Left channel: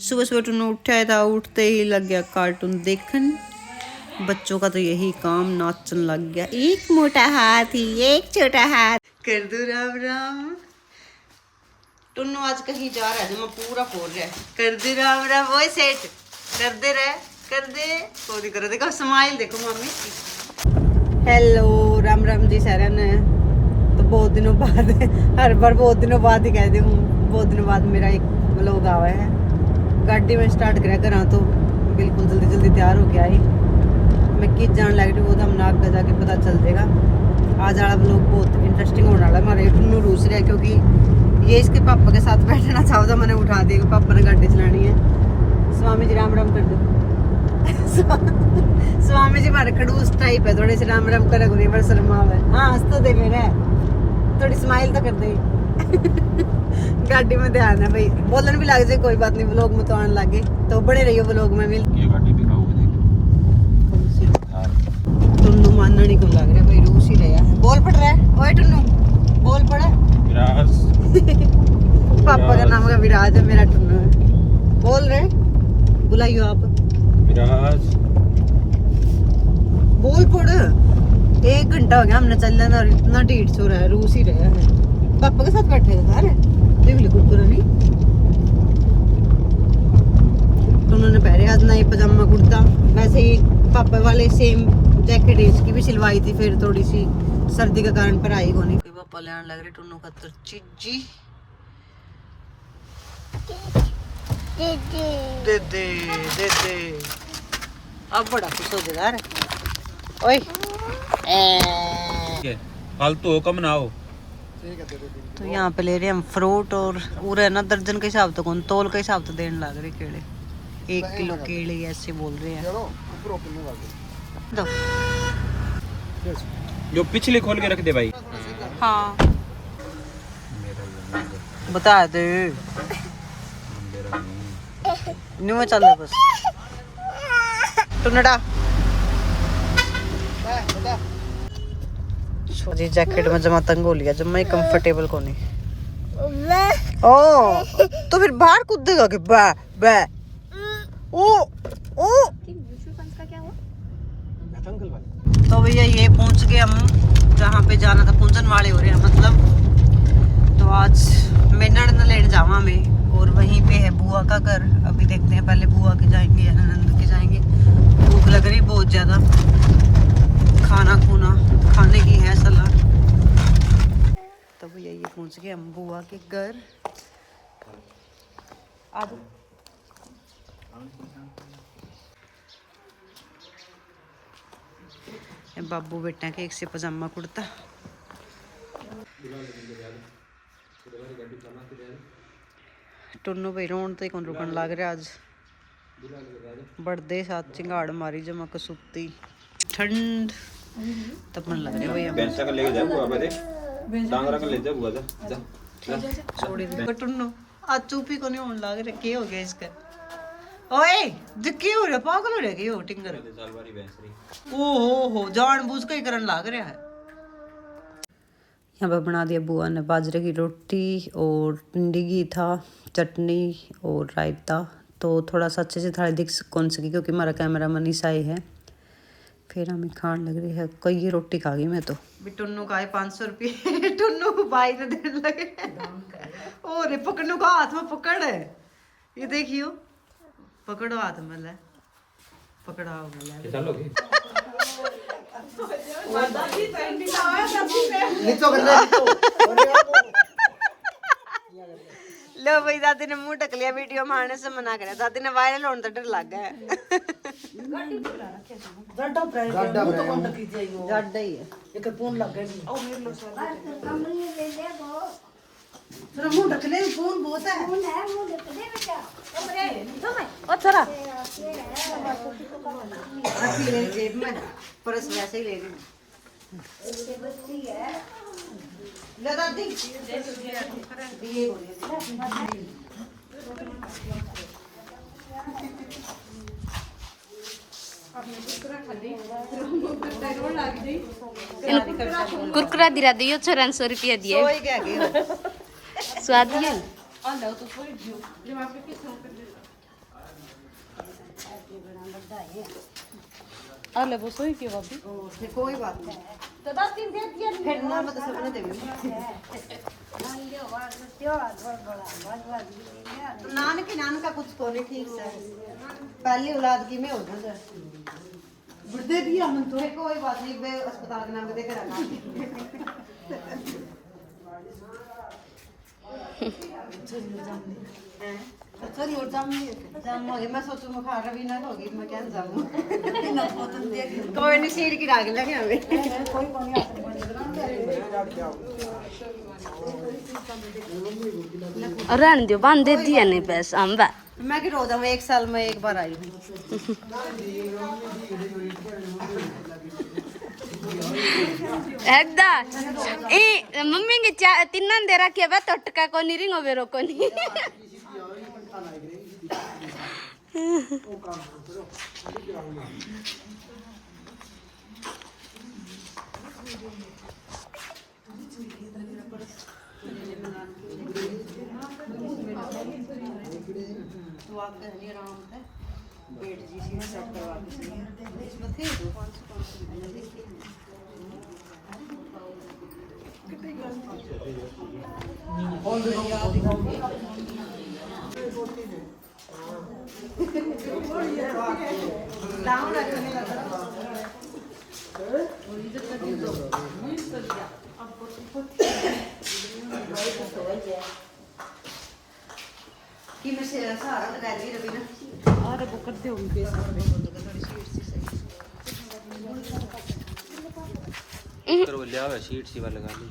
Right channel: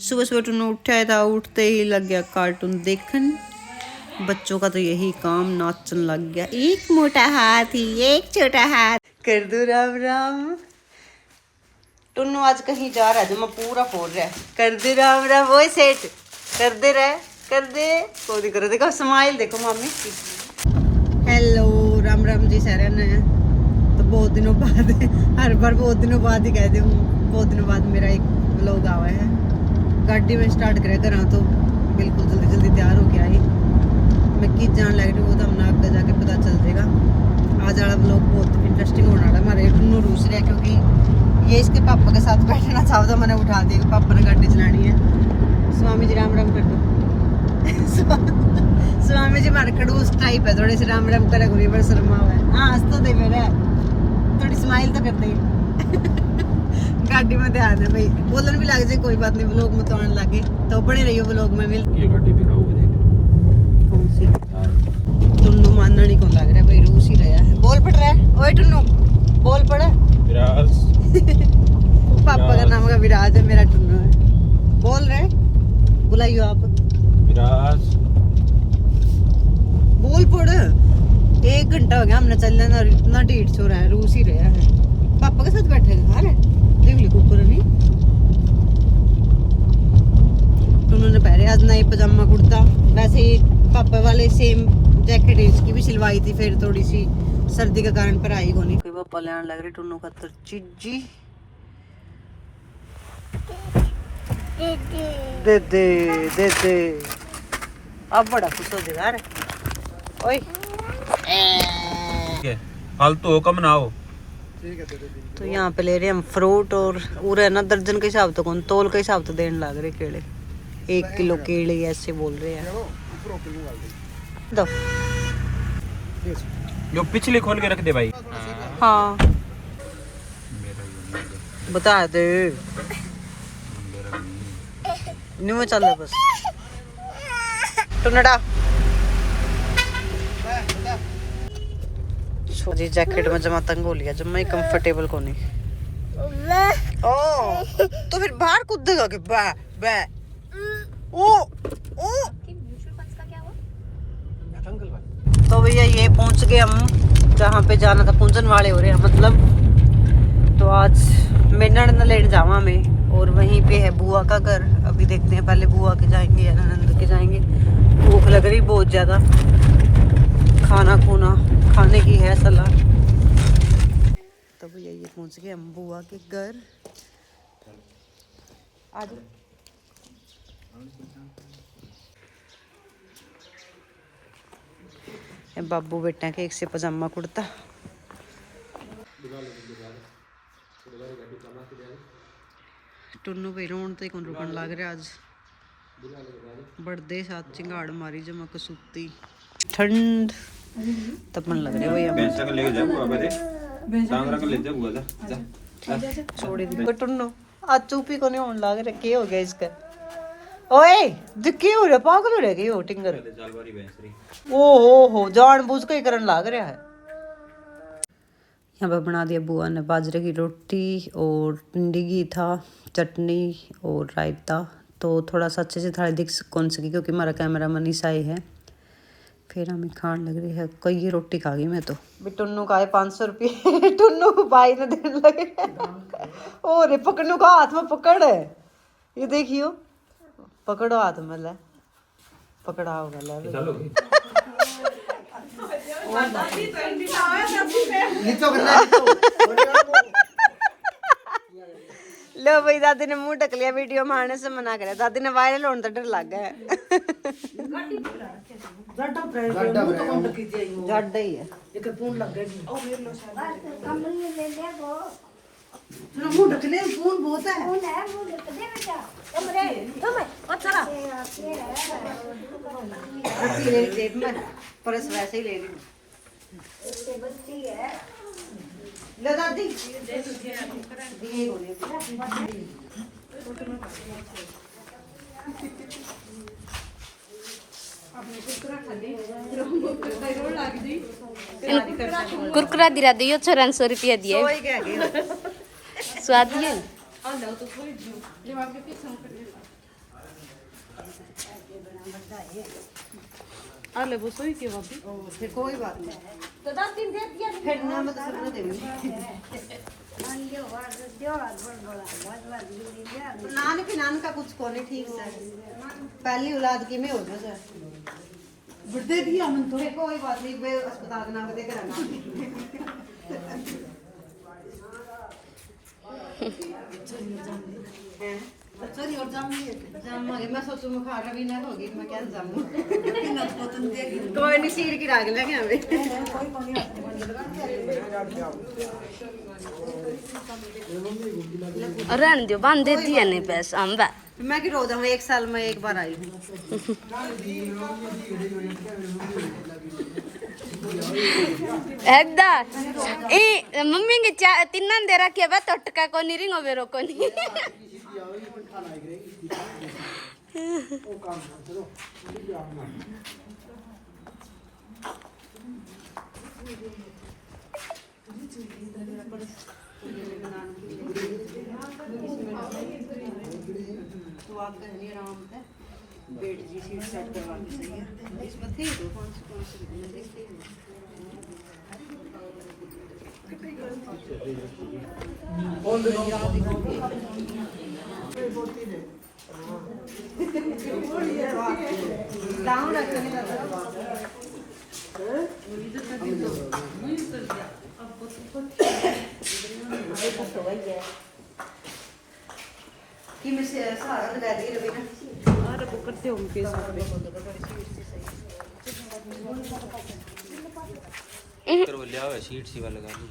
सुबह सुबह टुन्नू उठा था, उठते ही लग गया कार्टून देखन। बच्चों का तो यही काम, नाचन लग गया। एक मोटा हाथी एक छोटा हाथ, कर दो राम राम। टुन्नू आज कहीं जा रहा है जो मैं पूरा फोड़ रहा है। कर दे राम राम, वो सेट कर दे रहे, कर दे कोई करो। देखो स्माइल देखो मामी की। हेलो राम राम जी सारे ने। तो बहुत दिनों बाद, हर बार बहुत दिनों बाद ही कहते हूँ, बहुत दिनों बाद मेरा एक व्लॉग आया है। गाड़ी में स्टार्ट करा कर तो बिल्कुल जल्दी जल्दी तैयार हो के आई। मैं किस जान लग रही हूँ वो तो हम नाक पे जाके पता चल जाएगा। आज वाला व्लॉग बहुत इंटरेस्टिंग होने वाला है। हमारे टुन्नू रूस रहे क्योंकि ये इसके पापा के साथ बैठना चाहता था, मैंने उठा दिया। पापा ने गाड़ी चलानी है। स्वामी जी राम राम कर दो। स्वामी जी हमारे खड़ूस टाइप है, थोड़े से राम राम कर पर शर्मा है। हाँ हंस तो दे मेरे, थोड़ी स्माइल तो कर दे। गाड़ी में ध्यान है भाई, बोलन भी लग जाए कोई बात नहीं, व्लॉग में तो आने लगे तो बड़े रहियो व्लॉग में। मिल टुन्नू मानना नहीं कौन लग रहा है भाई, रूस ही रहा है। बोल पड़ रहा है, ओए टुन्नू बोल पड़। पापा का नाम का विराज है, मेरा टुन्नू है। बोल रहे, बुलाइयो आप। बोल पड़। 1 घंटा हो गया हमने चलने और इतना ढीठ सो रहा है, रूस ही रहा है। पापा के साथ बैठे थे सारे, देख ली कुरकुरा नहीं। उन्होंने पहले आज नई पजामा कुर्ता, वैसे ही पापा वाले सेम जैकेट इसकी भी सिलवाई थी, फिर थोड़ी सी सर्दी के कारण पर आई होनी। कोई पापा लेने लग रहे टुन्नू का तो चीजी दे दे दे दे। अब बड़ा खुश हो जाएगा यार। ओए फालतू हो कम ना हो। तो यहाँ पे ले रहे हम फ्रूट और उरे ना दर्जन के हिसाब तो कौन, तोल के हिसाब तो देने लग रहे केले। 1 किलो केले ऐसे बोल रहे हैं। दो जो पिछले खोल के रख दे भाई। हाँ बता दे न्यू चल रहा बस टुनड़ा। जी जैकेट में जमा तंग हो लिया, जमा ही कंफर्टेबल को नहीं। ओ तो फिर बाहर कूदेगा कि बा बा। ओ ओ तो भैया ये पहुंच गए हम जहाँ पे जाना था, पहुंचने वाले हो रहे हैं मतलब। तो आज मेनड़ न लेने जावा हमें, और वहीं पे है बुआ का घर। अभी देखते हैं, पहले बुआ के जाएंगे या ननंद के जाएंगे। भूख लग रही बहुत ज्यादा, खाना खूना खाने की है सलाह। तो भैया ये पहुंच गए हम बुआ के घर। आ जाओ। बाबू बेटा के एक से पजामा कुर्ता। टुन्नू भाई रोन तो कौन रुकन लग रहा आज। बड़दे साथ चिंगाड़ मारी जमा कसूती ठंड तपन लग रही भैया। छोड़ दी टुन्नू आज चुपी को नहीं होने लग रहा। क्या हो गया इसका? ओए क्या हो रहा, पागल हो रहा है हो टिंगर? ओ हो जानबूझ के ही करन लग रहा है। यहाँ पर बना दिया बुआ ने बाजरे की रोटी और भिंडी घी था, चटनी और रायता। तो थोड़ा सा अच्छे से थाली दिख कौन सकी क्योंकि हमारा कैमरा मन ईसाई है। फिर हमें खान लग रही है, कई ये रोटी खा गई मैं तो। टुन्नू का 500 रुपये टुन्नू भाई ने देने लगे। और पकड़नू का हाथ में पकड़ है, ये देखियो पकड़ो हाथ में, ले पकड़ा होगा ले। लो भाई दादी ने मुंह ढक लिया, वीडियो में आने से मना करे। दादी ने वायरल होने तो डर लग गया है। वैसे ही ले रही दादी। कुरकुरा दिला दियो 400 रुपया दिए स्वाद नहीं। अरे वो सोई क्यों अभी? फिर कोई बात नहीं। तो 10 दिन दे दिया फिर ना मैं तो सबने देंगे। नान का कुछ कोने ठीक से पहली औलाद की में हो जाता बुढ़े भी हम तो कोई बात नहीं बे अस्पताल के नाम पे देकर आना सॉरी और जाऊंगी मैं सोचूं मैं खा रही ना होगी मैं क्या जाऊं कोई नहीं सीर की राग लगे हमें रहन दियो बांध दे दिया नहीं पैसा हम बा मैं कि रो जाऊं 1 साल में एक बार आई हूं ऐदा ए मम्मी के तिन्ना दे रखे बा टटका को नहीं रिंगो बेरो को नहीं आराम से बेड जी सीट सेट करवा दी इसमें थी 500 कि मैं से सहारा लगा दी रवि ना अरे वो करते हो उनके तो वो लिया हुआ शीट सी वाला लगा ली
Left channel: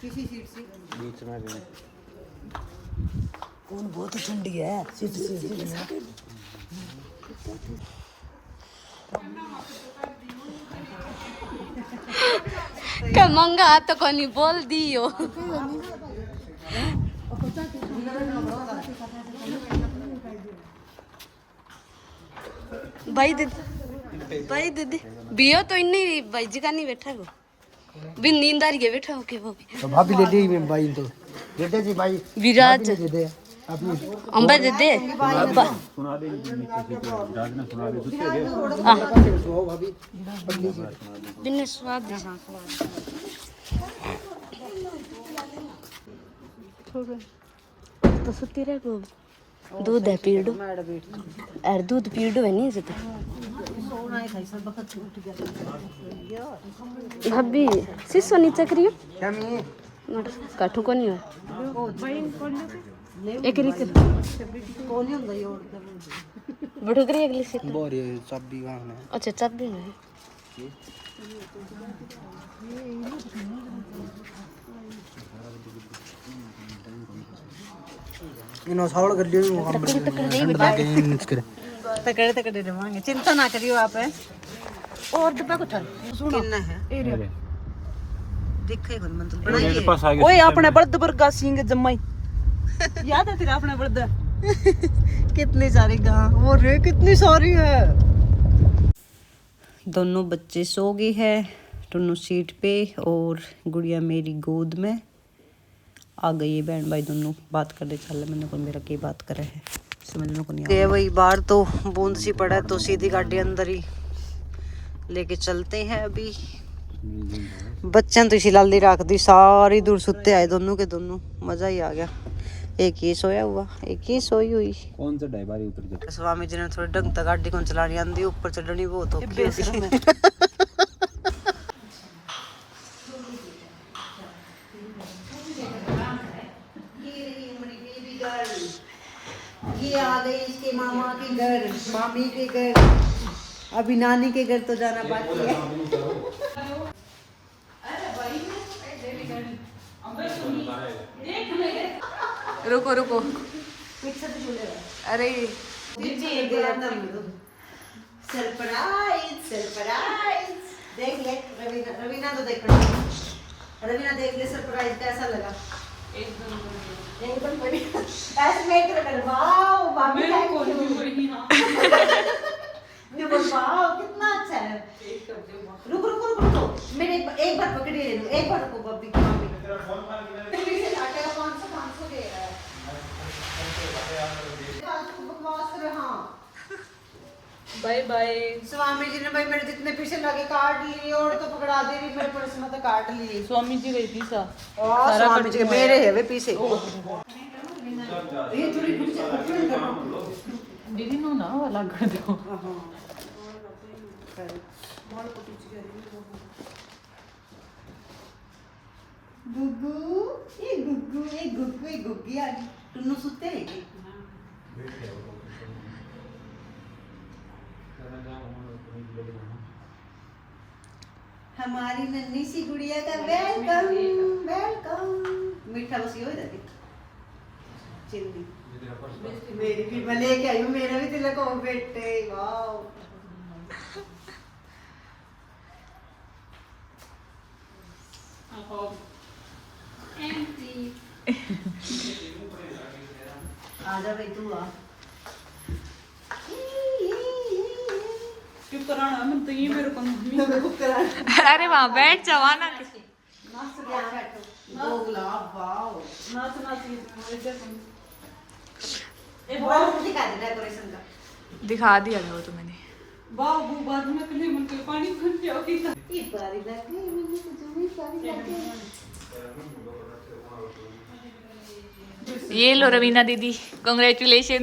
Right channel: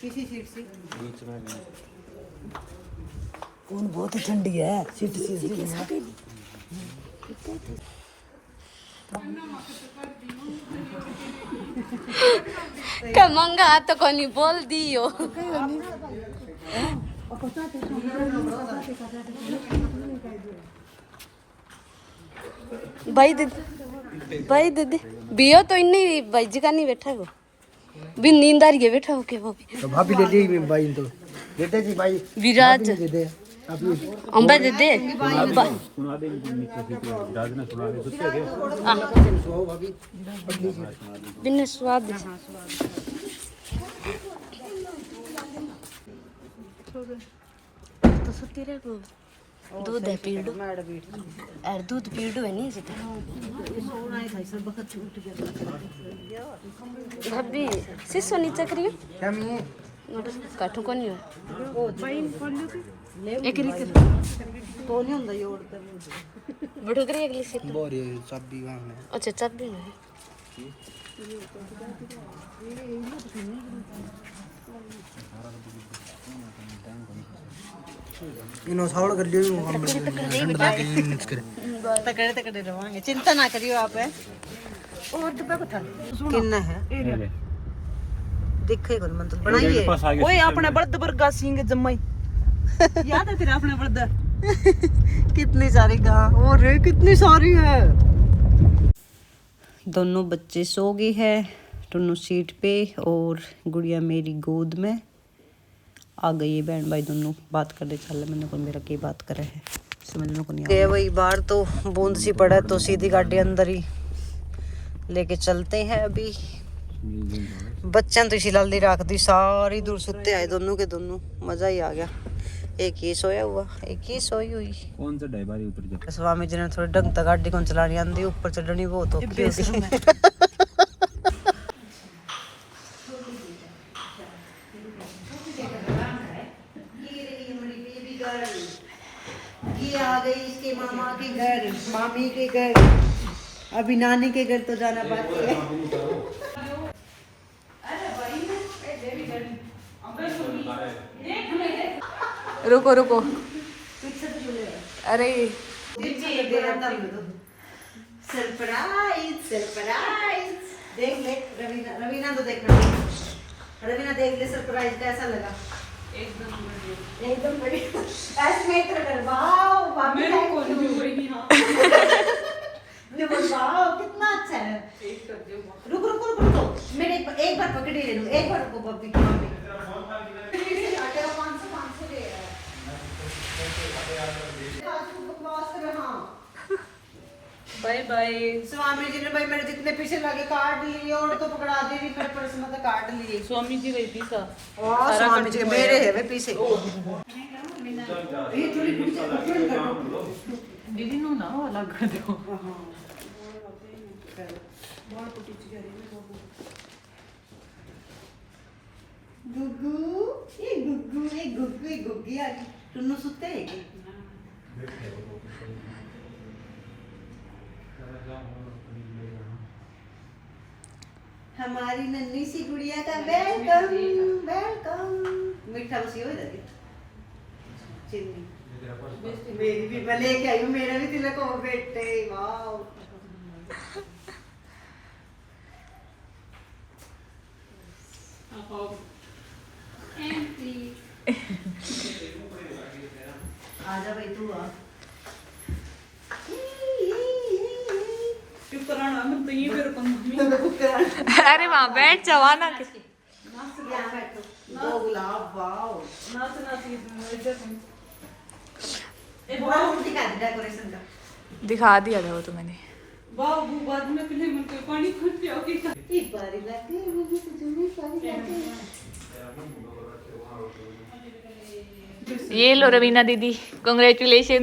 किसी सीट से बीच में भी उन बहुत ठंडी है सीट का मंगा तो कोनी बोल दियो भाई दीदी बियो तो इन्नी भाई जी का नहीं बैठा वो भी नींद आ रही है बैठा होके वो भी तो भाभी ले दी भाई तो दे दे जी भाई विराज दे दे अभी अंबा दे दे सुना दे नीचे से राज ने सुना दे दूसरे दे सो भाभी दिन स्वाद है तो सुती रह को दूध है पीड़ो यार दूध पीड़ो है नहीं जता भाभी सिसो नीचे करियो काठू को नहीं एक रीत कोने ਹੁੰਦਾ ਯੋੜ ਤੇ बड़ो करी अगली से बोरी चाबी वहां है अच्छा चाबी नहीं इनो सावड़ कर लियो मिक्स कर तकड़े रवांगे चिंता ना करियो आप है और डब्बा कुछ कितना है देखो मन तो बड़ा ही पास आ गया ओए अपने बड़द वर्गा सिंह जम्मई याद है तेरा अपने बड़द कितनी सारी गां और रे कितनी सारी है दोनों बच्चे सो गए हैं दोनों सीट पे और गुड़िया मेरी गोद में आ गई है बहन भाई दोनों बात करते चल मैंने को मेरा की बात करे है समझ में को नहीं आ वही बाहर तो बूंद सी पड़ा तो सीधी गाड़ी अंदर ही लेके चलते हैं अभी बच्चों तो इसी लाल रख दी सारी दूर सुते आए दोनों के दोनों मजा ही आ गया एक ये सोया हुआ एक ये सोई हुई कौन सा ड्राइवर ऊपर जा स्वामी जी ने थोड़ी ढंग तक गाड़ी को चलानी आंदी ऊपर चढ़नी बहुत औखी होती है ये आ गई इसके मामा के घर मामी के घर अभी नानी के घर तो जाना बाकी है रुको रुको अरे सरप्राइज सरप्राइज देख ले रवीना रवीना तो देख रवीना देख ले सरप्राइज कैसा लगा एकदम बढ़िया ऐसे नहीं कर वाओ मामी को वाओ कितना अच्छा है रुक रुक रुक रुको मेरे एक बार पकड़े ले लो एक बार रुको बब्बी बाय बाय। स्वामी जी ने भाई मेरे जितने पीछे लगे काट लिए और तो पकड़ा दे रही मेरे पर्स में तो काट लिए। स्वामी जी रहती सा स्वामी जी मेरे है वे पीछे। दीदी नो ना अलग कर दो। गुग्गू ये गुग्गू ये गुग्गू ये गुग्गी आ गई। टुन्नू सुते है कि? हमारी नन्ही सी गुड़िया का वेलकम वेलकम। मीठा बस हो जाए चिन्नी मेरी भी मैं लेके आई हूँ। मेरा भी तिलक हो बेटे वाओ। आजा भाई तू आ। क्यों कराना मन तो ये मेरे को तो कराना। अरे वहाँ बैठ जवाना के मस्त यहाँ बैठो। दो गुलाब वाओ। ना सुना दिखा दे डेकोरेशन का। दिखा दिया था वो तो मैंने। वाह वो बाद में पहले मन के पानी भर के ओके ये बारी लगे मुझे तो जरूर बारी लगे। ये लो रवीना दीदी, कांग्रेचुलेशन।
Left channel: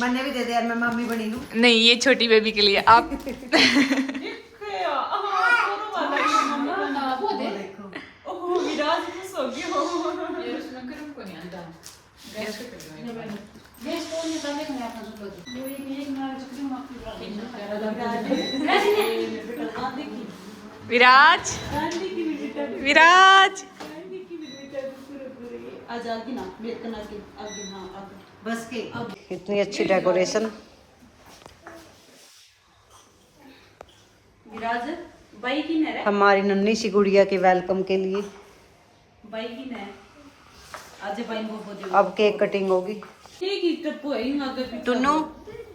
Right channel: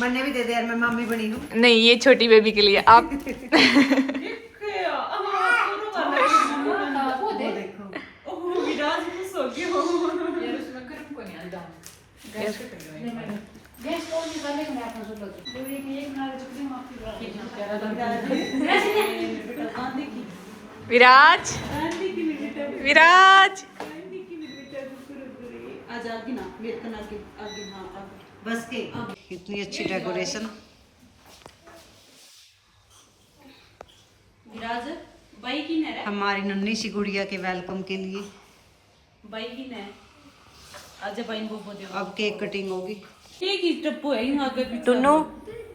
मैंने भी दे दिया यार, मैं मम्मी बनी हूँ। नहीं, ये छोटी बेबी के लिए आप। देखो विराज भी सो गए हो ये उसमें गर्म को नहीं आता गैस को निकालने के लिए आपने जो लगे ये एक ना चक्री माफ विराज विराज आजादी ना मेरे कना के आगे हां आगे बस के कितनी अच्छी डेकोरेशन। विराज बाई की ने हमारी नन्ही सी गुड़िया के वेलकम के लिए बाई की ने आज बाई को बोल अब केक कटिंग होगी। ठीक ही टप्पो है यहां आगे पीछे टुन्नू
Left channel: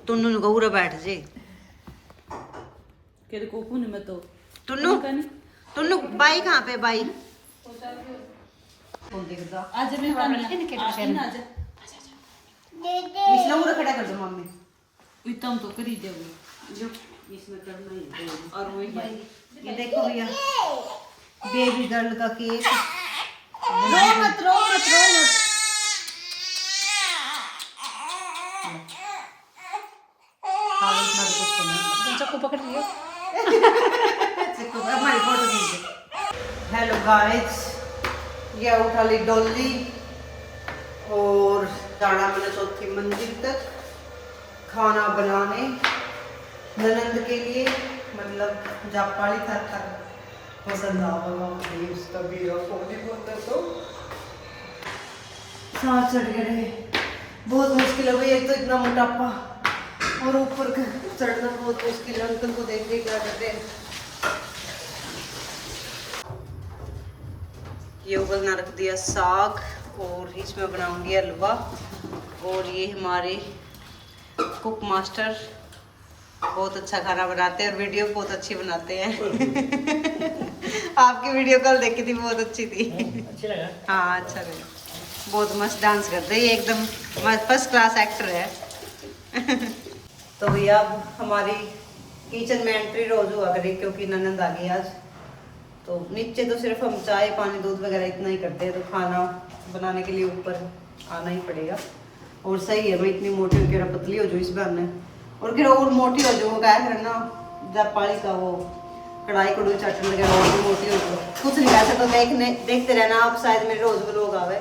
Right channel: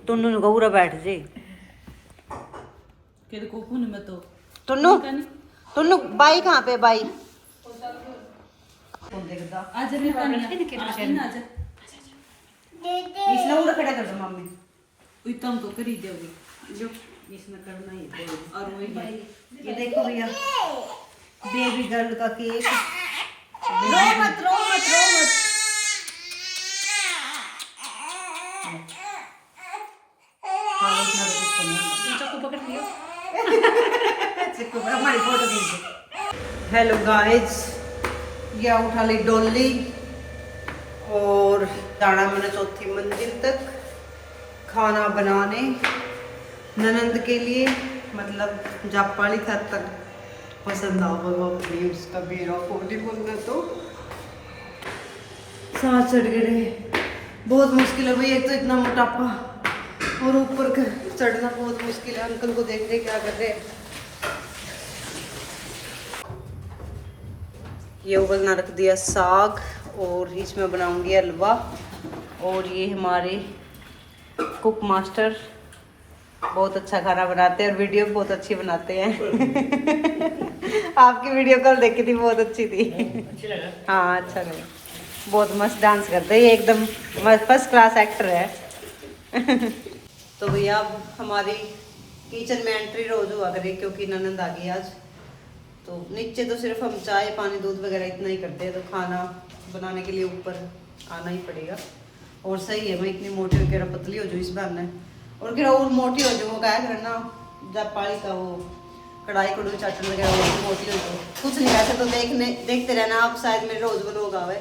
टुन्नू गौरा बैठ जे के को पुन में तो टुन्नू टुन्नू बाई कहाँ पे बाई कौन देखता आज मैं पानी आज इसने उड़ा खड़ा कर दो मम्मी। उतम तो करी देवी जो इसमें करना ही है। और वही ये देखो भैया बेबी गर्ल का केक। रो मत रो मत रो मत। हाँ इतना तो कुछ नहीं। चाकू पकड़ लिया हमारी फोटो खींचे। हेलो गाइस, ये उठा ली डोली और जाना मैंने चौथी मंजिल तक खाना बनाने ननंद के लिए, मतलब जापाली था तक पसंद आवा उसका बेरा फोड़ी बोलते तो सांस चढ़ गए। बहुत मुश्किल है भाई, एक तो इतना मोटापा और ऊपर चढ़ना बहुत मुश्किल है। अंकल को देख रहे क्या कर रहे हैं। ये उबलना रख दिया साग और इसमें बनाऊंगी हलवा। और ये हमारे कुक मास्टर बहुत अच्छा खाना बनाते हैं और वीडियो बहुत अच्छी बनाते हैं। आपकी वीडियो कल देखी थी, बहुत अच्छी थी। हाँ अच्छा लगा, बहुत मस्त डांस करते हैं, ये एकदम फर्स्ट क्लास एक्टर है। तो भैया अब हमारी किचन में एंट्री रोज हुआ करे क्योंकि ननंद आ गई आज। तो नीचे तो सिर्फ हम चाय पानी दूध वगैरह इतना ही करते हैं, तो खाना बनाने के लिए ऊपर आना ही पड़ेगा। और सही है, मैं इतनी मोटी हो के पतली हो जाऊँ इस बार ने, और फिर और मोटी हो जाऊँ। वो क्या कर ना जापाली का वो कढ़ाई कड़ूई चाटन वगैरह और मोटी हो जाऊँ। कुछ नहीं ऐसे तो देखते रहना आप, शायद मेरे रोज व्लॉग आवे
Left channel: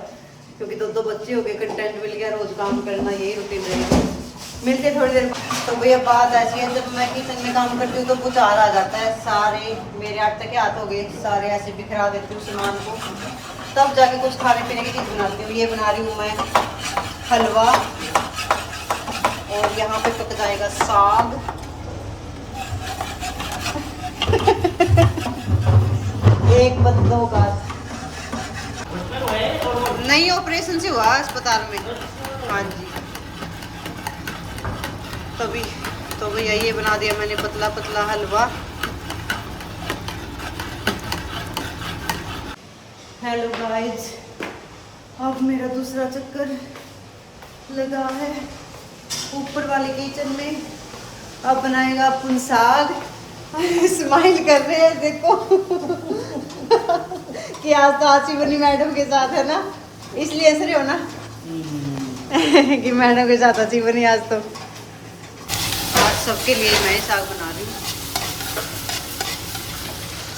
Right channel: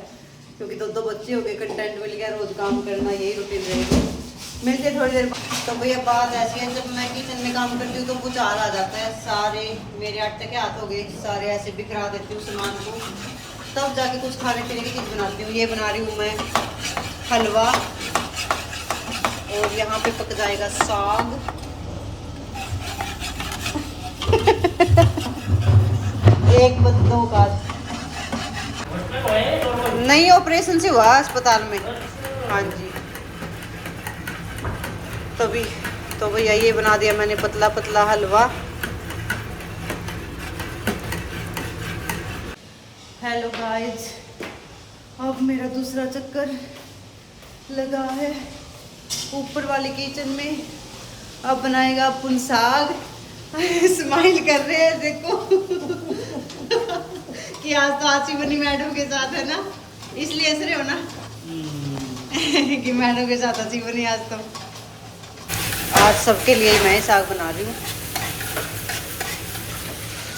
क्योंकि दो बच्चे हो गए, कंटेंट मिल गया, रोज काम करना यही रूटीन रहेगी। मिलते थोड़ी देर बाद। तो भैया बात ऐसी है, जब मैं किचन में काम करती हूँ तो कुछ आ जाता है, सारे मेरे आटे के हाथ हो गए, सारे ऐसे बिखरा देती हूँ सामान को, तब जाके कुछ खाने पीने की चीज़ बनाती हूँ। ये बना रही हूँ मैं हलवा और यहाँ पे पक जाएगा साग। एक बस दो का नहीं, ऑपरेशन से हुआ अस्पताल में। हाँ जी, तभी तो भैया ये बना दिया मैंने पतला पतला हलवा। हेलो गाइस, अब मेरा दूसरा चक्कर लगा है ऊपर वाले किचन में। अब बनाएगा अपन साग। स्माइल कर रहे हैं देखो। कि आज तो आची बनी मैडम के साथ है ना, इसलिए हंस रहे हो ना। कि मैडम के साथ आची बनी आज तो। आज सबके लिए मैं साग बना रही हूँ।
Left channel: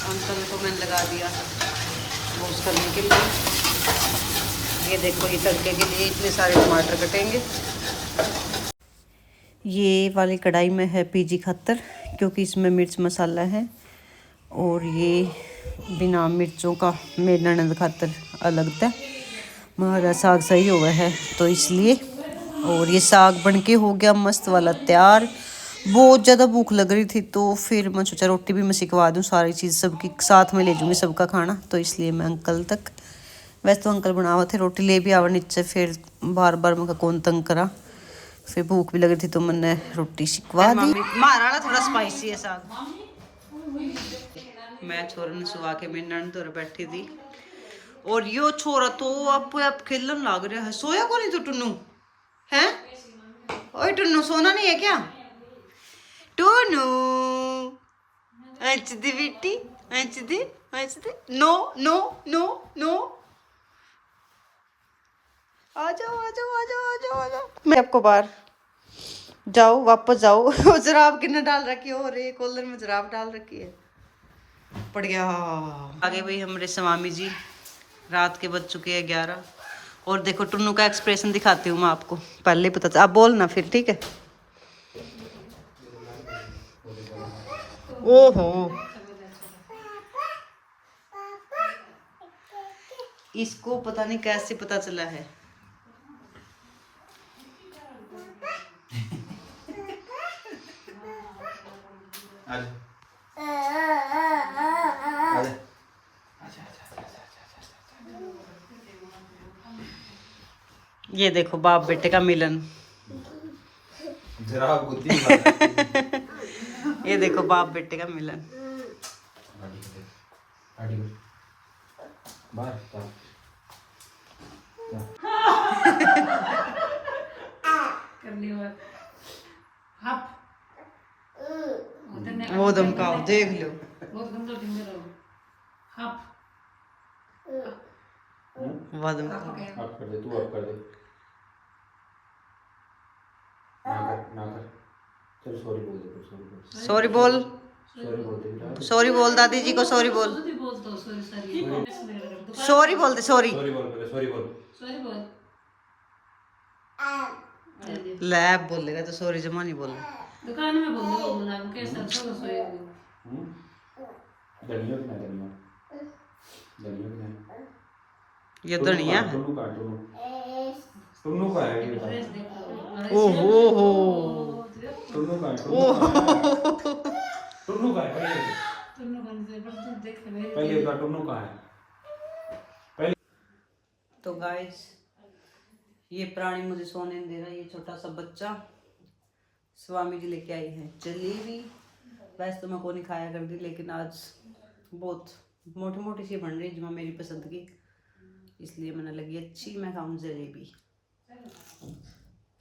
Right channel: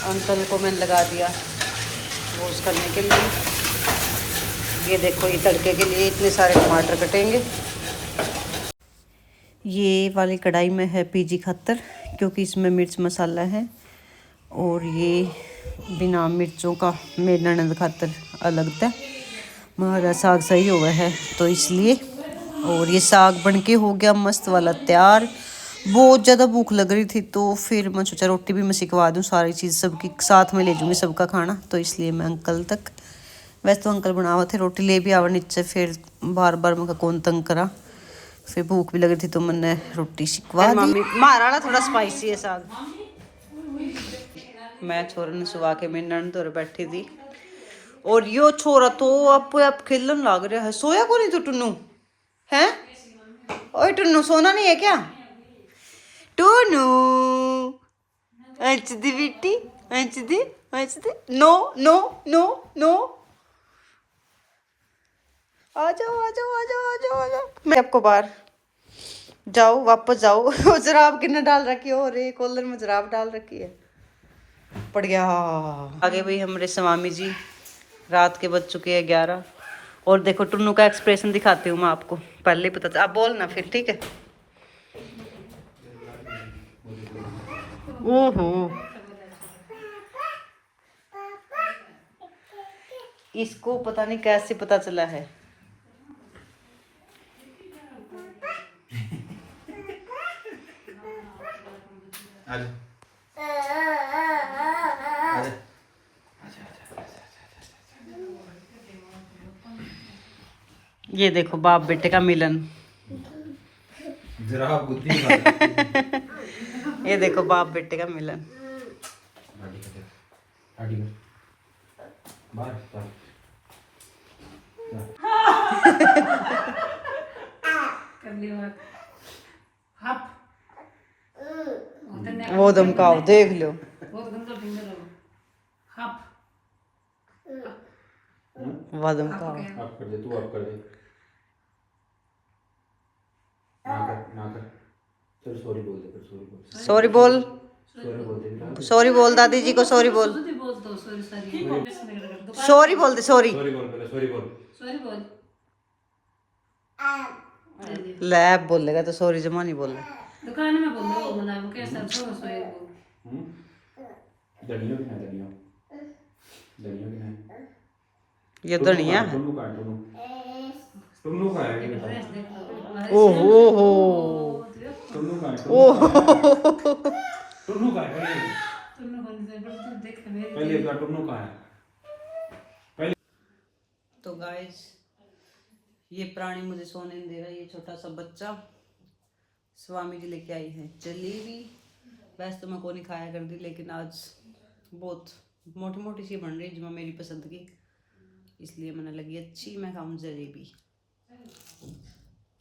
अंकल को मैंने लगा दिया रोस्ट करने के लिए। ये देखो, ये तड़के के लिए इतने सारे टमाटर कटेंगे। ये वाली कढ़ाई में है पीजी खत्तर, क्योंकि इसमें मिर्च मसाला है। और ये बिना मिर्चों का मेरी ननद खातर अलग था। हमारा साग सही हुआ है तो इसलिए। और ये साग बनके हो गया मस्त वाला तैयार। बहुत ज़्यादा भूख लग रही थी तो फिर मैं सोचा रोटी भी मैं सिखवा दूँ, सारी चीज़ सबकी साथ में ले जाऊँगी सबका खाना। तो इसलिए मैं अंकल तक, वैसे तो अंकल बनावा थे, रोटी ले भी आवा नीचे, फिर बार बार मैं कौन तंग करा। फिर भूख भी लग रही थी तो मैंने रोटी सिखवा दी। मारा थोड़ा स्पाइसी है साग। मैं छोरे ने सुवा के मेरी ननद तो बैठी थी। और यो छोरा तो आप खेलन लग रहा है। सोया को नहीं तो टुन्नू है? ओए टुन्नू, सोना नहीं है क्या? टुन्नू अंच दी बेटी, अंच दी, अंच दी। नो नो नो नो, आ जाओ आ जाओ आ जाओ आ जाओ आ जाओ। मैं आपको बाहर जाओ, वापस जाओ। जराब किन्ने डाल रखी है? और एक कॉलर में जराब डाल रखी है। पड़ गया आगे भाई हमारे स्वामी जी। रात के बज चुके हैं 11। और देखो टुन्नू का एक्सप्रेशन दिखाती हूँ मैं आपको, पहले पता था। आप बोलना फिर, ठीक है? ओहो, इसको पता नहीं कैसे पता चला है। ये देखो बाप बेटे का मिलन। जरा बुद्धि ये देखो बाप बेटे का मिलन। वो धमकाओ, देख लो। वो धमकाओ। आप कर दे, तू आप कर दे। ना कर। चल सॉरी बोल दे, सॉरी बोल। सॉरी बोल, सॉरी बोल दे। सॉरी बोल, दादी जी को सॉरी बोल। सॉरी बोल दे, सॉरी। सॉरी बोल पहले, सॉरी बोल। लैब बोलेगा तो सॉरी जमा नहीं बोलना। दुकान में बोल दो बोला वो कैसा सॉरी बोल। धनिया भी ना, धनिया भी ना। ये धनिया है। टुन्नू का है ये बता। ओहो हो, टुन्नू का है, टुन्नू का है। पहले बता टुन्नू का है। तो गाइस, ये प्राणी मुझे सोने नहीं दे रहा। ये छोटा सा बच्चा, स्वामी जी लेके आई है जलेबी। वैसे तो मैं को नहीं खाया कर दी, लेकिन आज बहुत मोटी मोटी सी बन रही जो मेरी पसंद की, इसलिए मैंने लगी अच्छी मैं खाऊं जलेबी।